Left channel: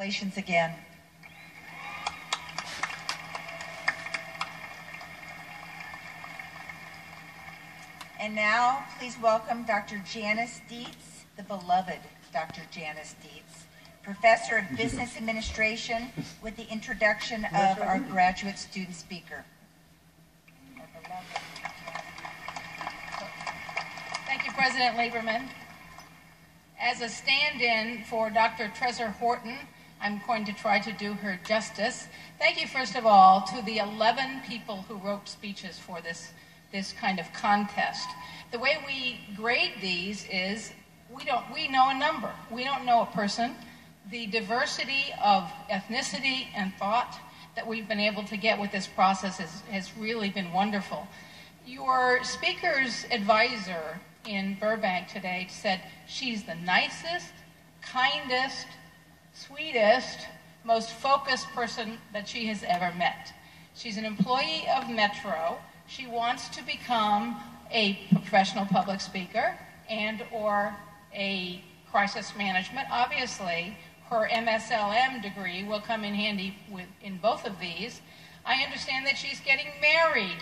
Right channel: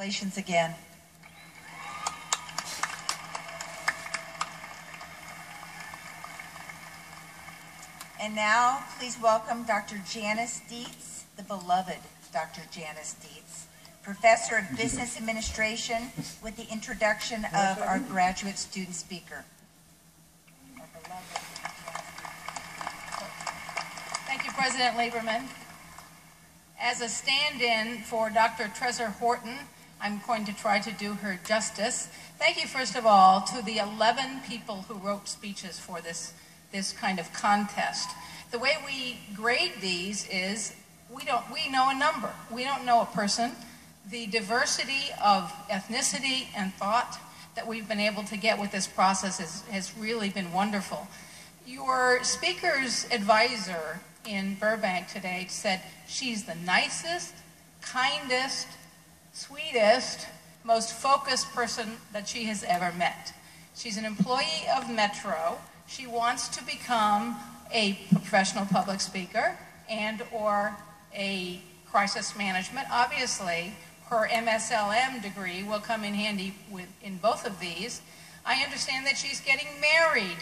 Congratulations again. And now, please welcome Dr. Janice Dietz, the beloved Dr. Janice Dietz, Professor of Business Administration, with the introduction of our graduate student speaker. Thank you, President Lieberman. As a stand-in for Dr. Trezor Horton, I'm going to try to do her justice. Thank you, first of all, to the 11 people who wrote speeches for this kind of contest. The way we grade these is we know a number. We don't know a person. The diversity of ethnicity and thought that we've been able to get with this process has really been wonderful. Your speaker's advisor in Burbank today said she's the nicest, kindest, sweetest, most focused person that she has ever met. She's an employee of Metro. She wants to become a professional public speaker and or a crisis management. Obviously, her MSLM degree will come in handy in both of these. I understand that she's getting married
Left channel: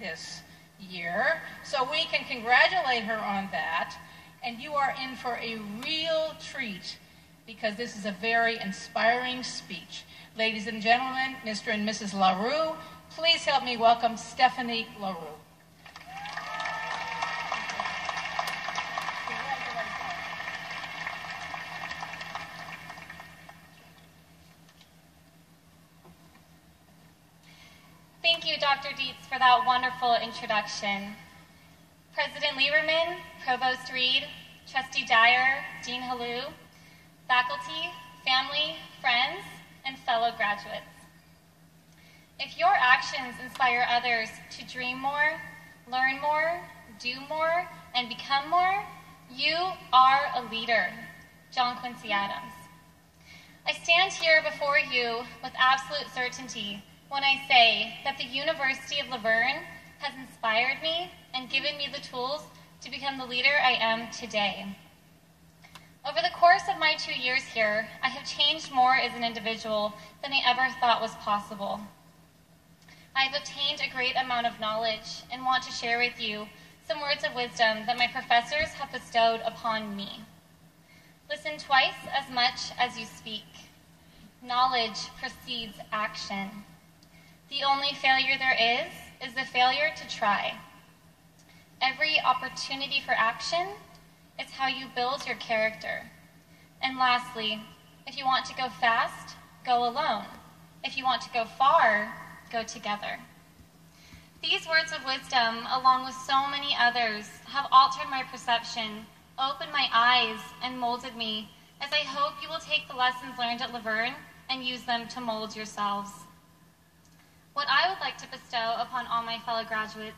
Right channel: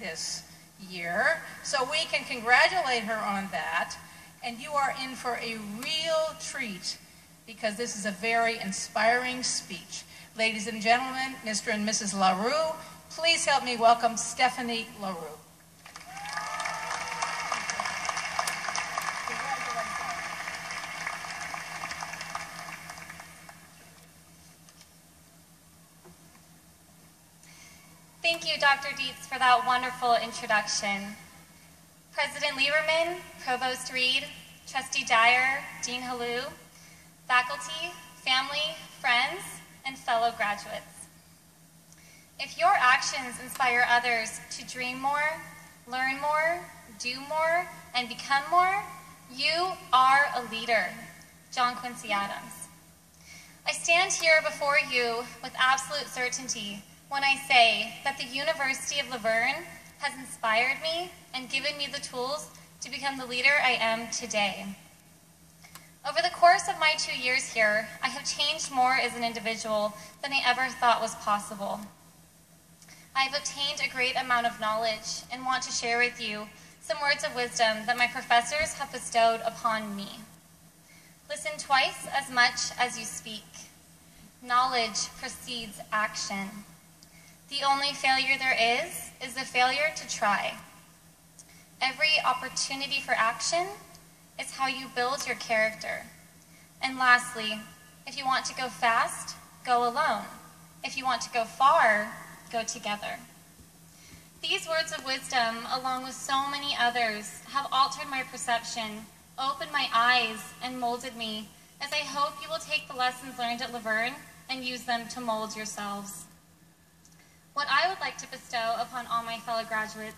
this year, so we can congratulate her on that. And you are in for a real treat because this is a very inspiring speech. Ladies and gentlemen, Mr. and Mrs. LaRue, please help me welcome Stephanie LaRue. Thank you, Dr. Dietz, for that wonderful introduction. President Lieberman, Provost Reed, Trustee Dyer, Dean Halou, faculty, family, friends, and fellow graduates. If your actions inspire others to dream more, learn more, do more, and become more, you are a leader. John Quincy Adams. I stand here before you with absolute certainty when I say that the University of LaVerne has inspired me and given me the tools to become the leader I am today. Over the course of my 2 years here, I have changed more as an individual than I ever thought was possible. I have obtained a great amount of knowledge and want to share with you some words of wisdom that my professors have bestowed upon me. Listen twice as much as you speak. Knowledge precedes action. The only failure there is the failure to try. Every opportunity for action is how you build your character. And lastly, if you want to go fast, go alone. If you want to go far, go together. These words of wisdom, along with so many others, have altered my perception, opened my eyes, and molded me, as I hope you will take the lessons learned at LaVerne and use them to mold yourselves. What I would like to bestow upon all my fellow graduates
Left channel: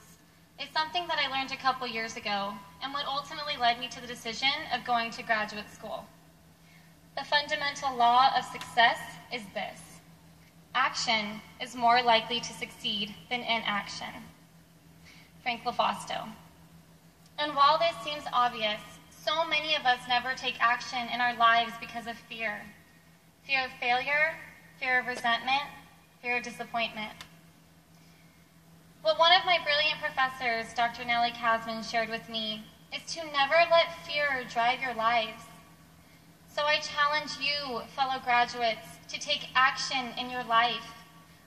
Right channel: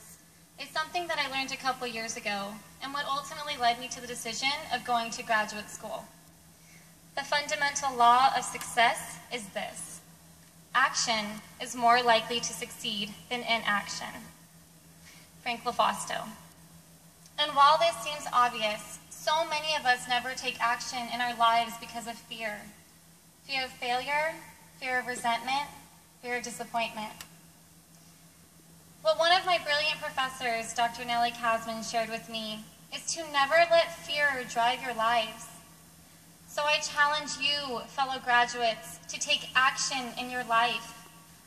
is something that I learned a couple years ago, and what ultimately led me to the decision of going to graduate school. The fundamental law of success is this: action is more likely to succeed than inaction. Frank LaFausto. And while this seems obvious, so many of us never take action in our lives because of fear. Fear of failure, fear of resentment, fear of disappointment. What one of my brilliant professors, Dr. Nellie Kasman, shared with me is to never let fear drive your lives. So I challenge you, fellow graduates, to take action in your life.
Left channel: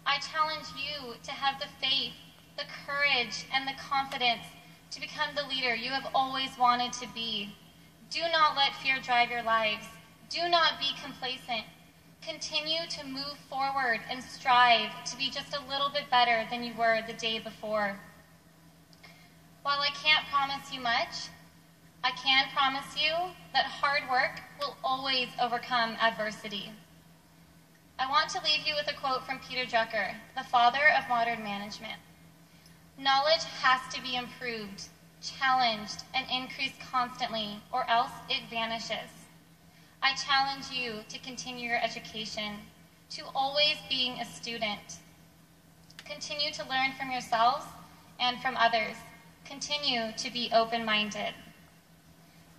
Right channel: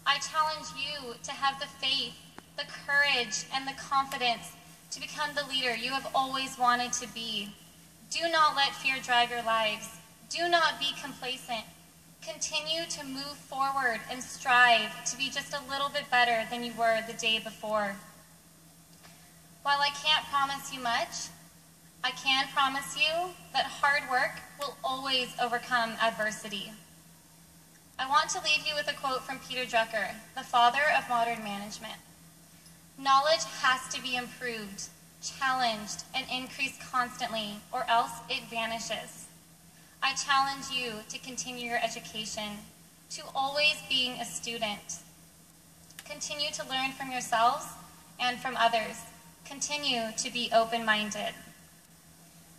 I challenge you to have the faith, the courage, and the confidence to become the leader you have always wanted to be. Do not let fear drive your lives. Do not be complacent. Continue to move forward and strive to be just a little bit better than you were the day before. While I can't promise you much, I can promise you that hard work will always overcome adversity. I want to leave you with a quote from Peter Drucker, the father of modern management. Knowledge has to be improved, challenged, and increased constantly, or else it vanishes. I challenge you to continue your education, to always being a student. Continue to learn from yourselves and from others. Continue to be open-minded.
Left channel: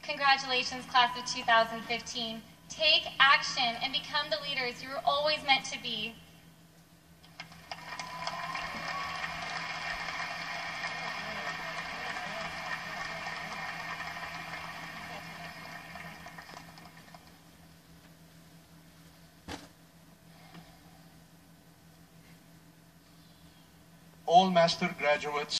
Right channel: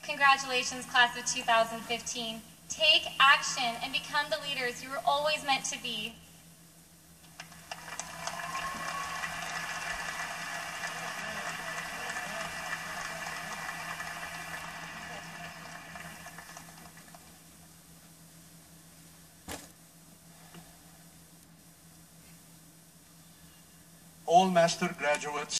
Congratulations, class of 2015. Take action and become the leaders you were always meant to be. All master graduates